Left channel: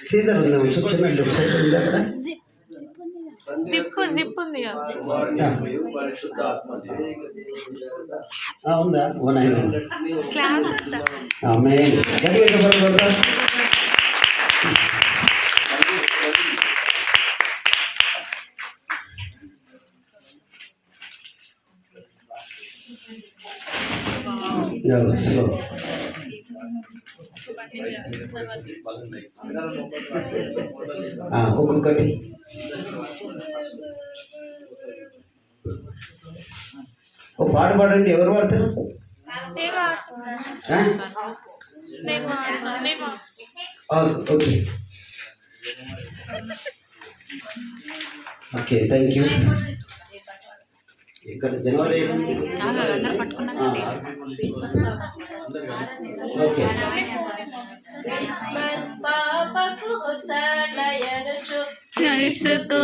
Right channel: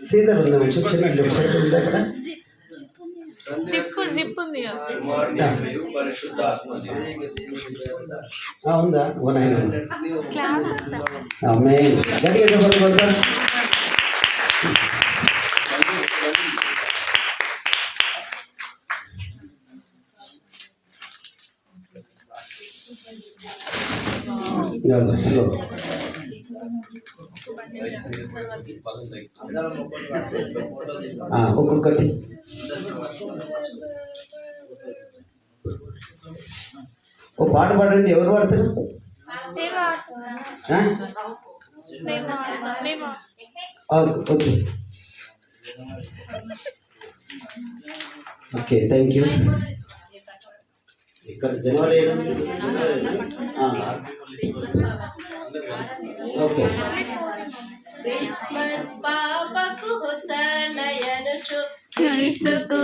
Caesar ఉంది zip ఉంది కదా ఉందా క్లాస్ స్లో ఒక్కొక్కటి ఓ పాట పాడండి. ఎవరు పాడతారు? Okay okay, thank you. ఇక్కడ జనవరి ఓకే. క్రిస్మస్ పాపకు హోసన్నయనుచు క్రీస్తుకు